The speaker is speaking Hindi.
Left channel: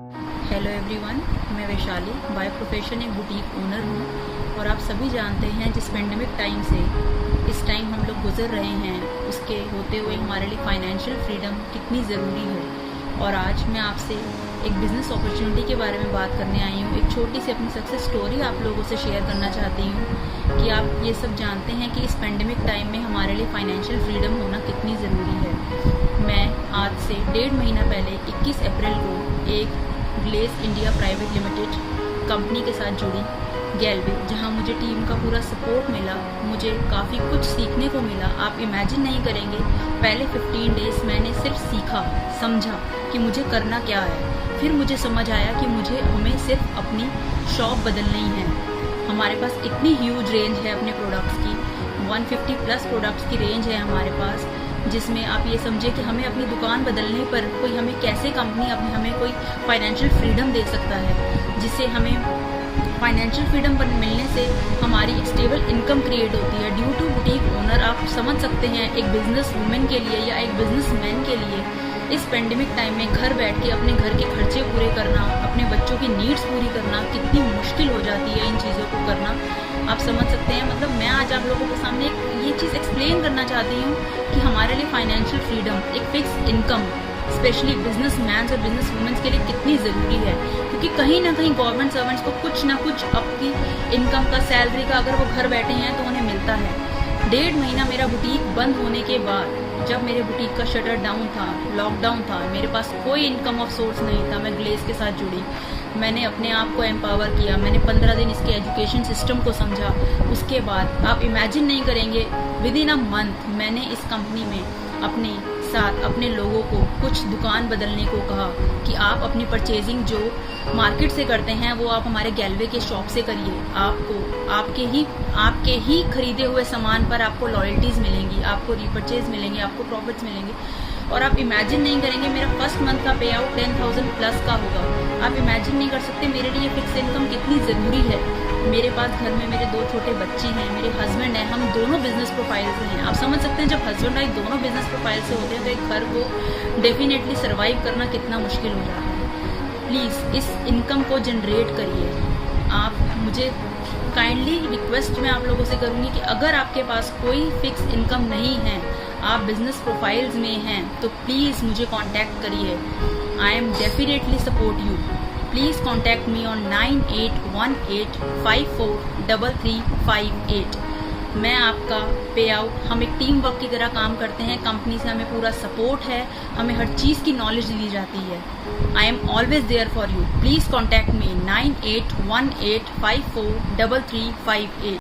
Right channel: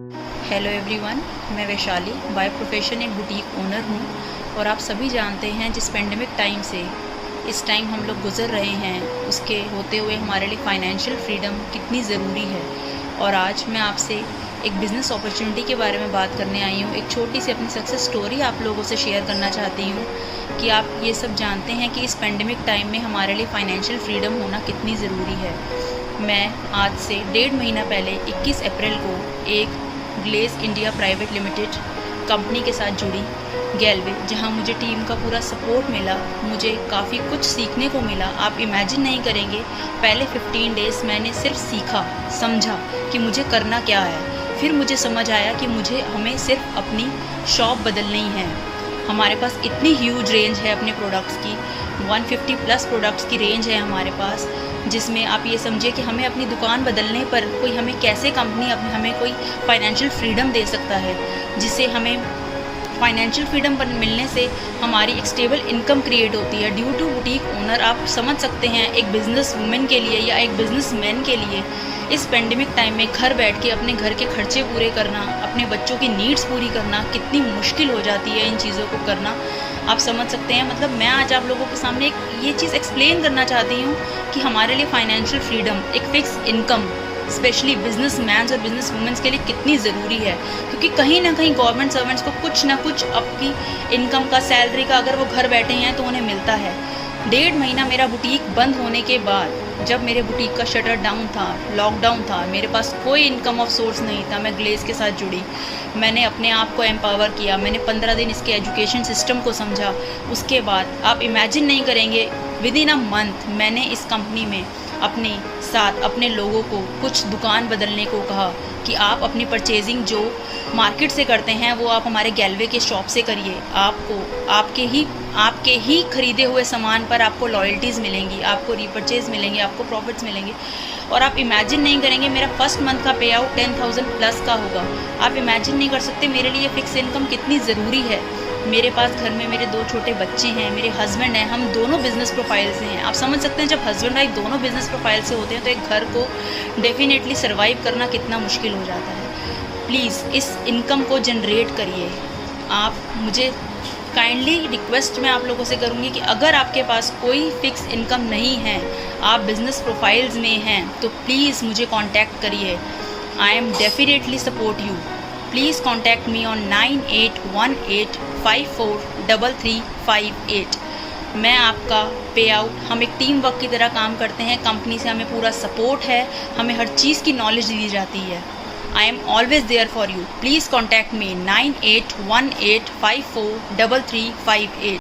हेलो एवरीवन, मैं वैशाली बाय प्रोफेशन एक बुटीक ओनर हूँ। और आप सभी जानते हैं जिस पेंडेमिक टाइम से इस टाइम हम लोग गुज़र रहे हैं, उसके होते हुए हमारे लिए फ़ाइनेंशियल फ्रीडम कितनी ज़रूरी है। और आज मैं आपसे एक बिज़नेस अपॉर्चुनिटी के बारे में बात करने आई हूँ। एक छोटी सी अपनी सक्सेस स्टोरी आप लोगों से शेयर करना चाहती हूँ कि आप ये सब जानते हैं कि इस पेंडेमिक टाइम में हमारे लिए फ़ाइनेंशियल फ्रीडम होना कितनी ज़रूरी है। मैं आज से 1.5 महीना पहले 21 अप्रैल को एक glaze India private limited company के साथ जुड़ी, गैलवे, जहां मुझे टीम का पूरा सपोर्ट मिला। मुझे काफ़ी कुछ सीखने को मिला। आप इमेजिन नहीं करेंगे, पहले 15 डेज़ मैंने सिर्फ सीखा, समझा कि मुझे करना क्या है। फिर मुझे समझ आया कि हमें सिर्फ अपनी शॉप बदलनी है। हमारे पास इतनी ह्यूज रेंज है अपने प्रोडक्ट्स की, 150 प्लस प्रोडक्ट्स की रेंज है हमारे पास, जिसमें आप ये समझिए कि हमें अपनी दुकान बदलने पर कोई हमें कैसे कंपनी हमें कोई फाइनेंशियल फ्रीडम दे सकता है, जिससे हमें फाइनेंशियल फ्रीडम मिलने से हमारी एक स्टेबल इनकम क्रिएट होती है। ड्यू टू बुटीक ओनर, आप समझ सकते हैं एक बिजनेस वुमेन के लिए या एक बिजनेस मैन के लिए इस पेंडेमिक टाइम में घर बैठ के अपने घर के खर्चे पूरे करना, अपने बच्चों की नीड्स पूरी करना कितनी मुश्किल हो जाती है। इन चीज़ों को करना आप समझ सकते हैं। मतलब मैं आज आप लोगों के सामने ये चीज़ एक्सप्लेन करना चाहती हूँ कि हमारे लिए फाइनेंशियल फ्रीडम, एक fix income, specially business man और बिजनेस वुमेन्स के लिए कितनी ज़रूरी है। क्योंकि कहीं ना कहीं गवर्नमेंट सर्वेंट्स को कुछ ना कुछ अपनी इनकम का, सैलरी का, अगर वो घर बैठे हैं तो उन्हें मिलता है। 1.5 महीना मेरा बुटीक बंद होने के बाद, जब मेरे बुटीक का शटर डाउन था, लॉकडाउन था, मेरे पास कोई इनकम ऑफ सोर्स नहीं था, मैं ग्लेज के साथ जुड़ी। मैंने अपने आप को एम्पावर किया, मैंने 15 दिन इसके एजुकेशन सिस्टम को समझा। उसके बाद आप इमेजिन नहीं करेंगे, विद इन अ मंथ मैंने इस कंपनी में अपने साथ अपने लोगों को कुछ दुकान बदलने को कहा कि आप अपनी परचेजिंग जो मार्केट से करते हैं वो आप हमारे गैलवे के शॉप से करिए। आपको आपके ही खरीदे हुए सामान पर आपको लॉयल्टीज़ मिलेंगी, आपको रीपरचेज मिलेंगे, आपको प्रॉफिट्स मिलेंगे। और आप इमेजिन नहीं करेंगे, मेरा फर्स्ट मंथ का पे आउट 10,000 प्लस का होगा। आप इमेजिन नहीं कर सकते मेरे लिए फिक्स इनकम कितनी ज़रूरी है। मेरे पास घर में मेरे 2 छोटे बच्चे हैं, मेरे हस्बैंड हैं, हम दोनों बिजनेस प्रोफाइल से हैं। आप समझ सकते हैं जब हस्बैंड वाइफ दोनों बिजनेस प्रोफाइल से होते हैं तो एक घर को डेफिनेटली सर्वाइव करना कितना मुश्किल हो जाता है। प्लीज़ इस इनकम को जनरेट करिए। आप मुझे काइंडली रिक्वेस्ट मैं आप लोगों से करूँगी कि अगर आपके पास कोई फिक्स इनकम नहीं है, आप बिजनेस प्रोफाइल्स में हैं, तो प्लीज़ मुझे कांटेक्ट करिए। I am definitely support you. Please contact me on 9818543358। मैं आपका पे आउट, हम एक टीम वर्क की तरह काम करते हैं। कंपनी से हमें पूरा सपोर्ट है, हमें हर चीज़ की नॉलेज दी जाती है। I am always there for you. Please contact me 9818543358।